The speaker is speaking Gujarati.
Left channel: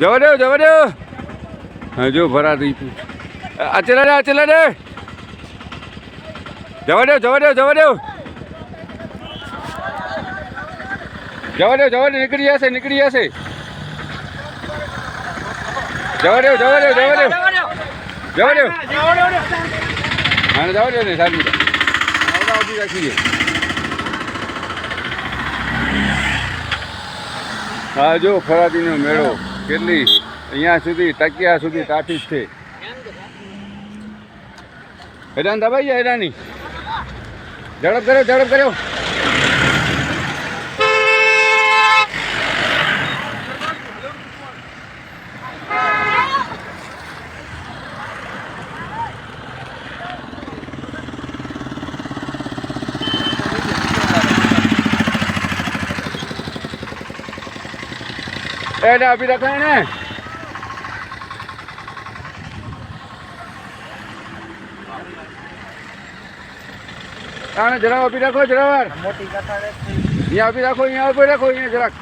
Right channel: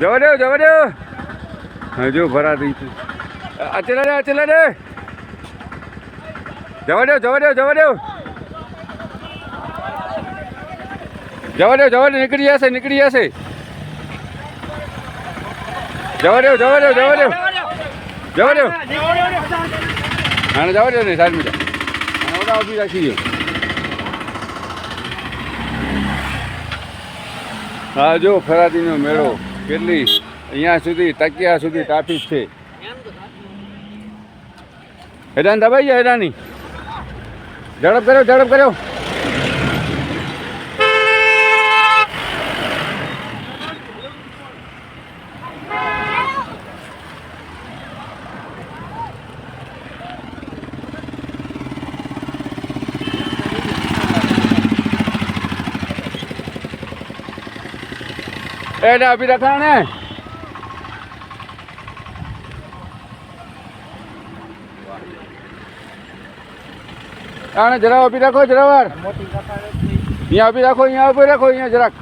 જવા દો જવા દો. હજુ ભરાતી અચેલા દે અચેલા દે. જવા દો જવા દો જવા દો. જવા દો જવા દો નીકળી જશે નીકળી જશે. જવા દો જવા દો જવા દો જવા દો. હા જવા દો ને સાહેબ ઉભી રાખીએ. હા જો ખરાદીનો મેળો કેટલી અહીંયા સુધી ટકિયા સુધી ટ્રાફિક છે. હેરાન દબાઈ ગયા હેરાની. ઝડપ કર્યો ઝડપ કર્યો. એને આપી રાખા ને. આને જરા આપી રાખો જરાવાર. અહીંયા આપી રાખો અહીંયા આપી રાખો અહીંયા જરાક.